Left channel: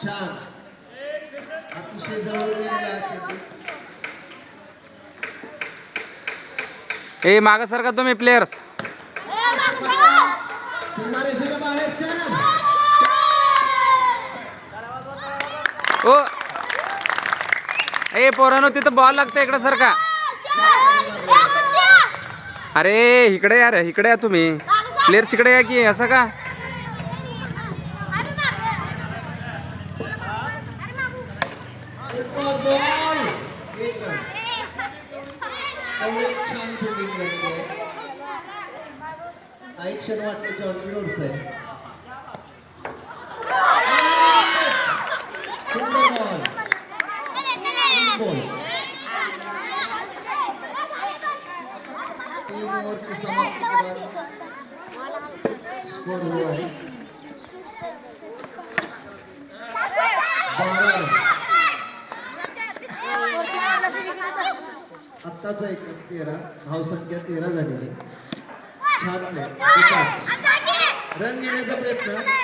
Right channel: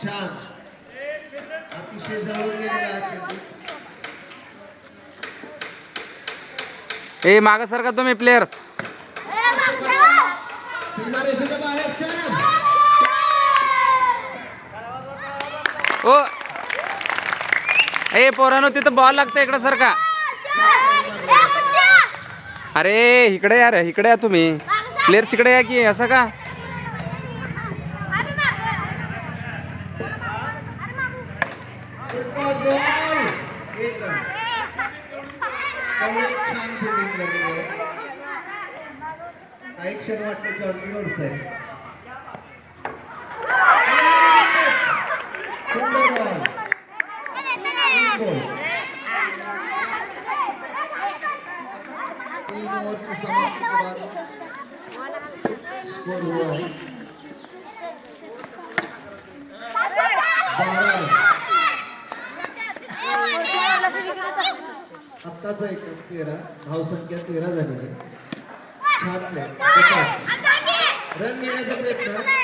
छान अतिशय जवळ गेलेला ए माग सर का तुम्ही प्लेयर्स सीमारेषेच्या बाहेर छान ओ ए पोरांनो तिथं बॉल लागतं इकडे सर का अरे इकडे यार इकडे या तुम्ही प्लेयर्स इकडे या की असं का छान फिल्डिंग केली काही क्षण वाटतं जॉर्जी रोड्स आहे सुंदर बॉल बॉल 3 ओवर की समाप्ति के बाद स्कोर हुआ है 12 आत्ताचा एक 13 धावसंख्या 13 झालेली छान रन घेण्याचा प्रयत्न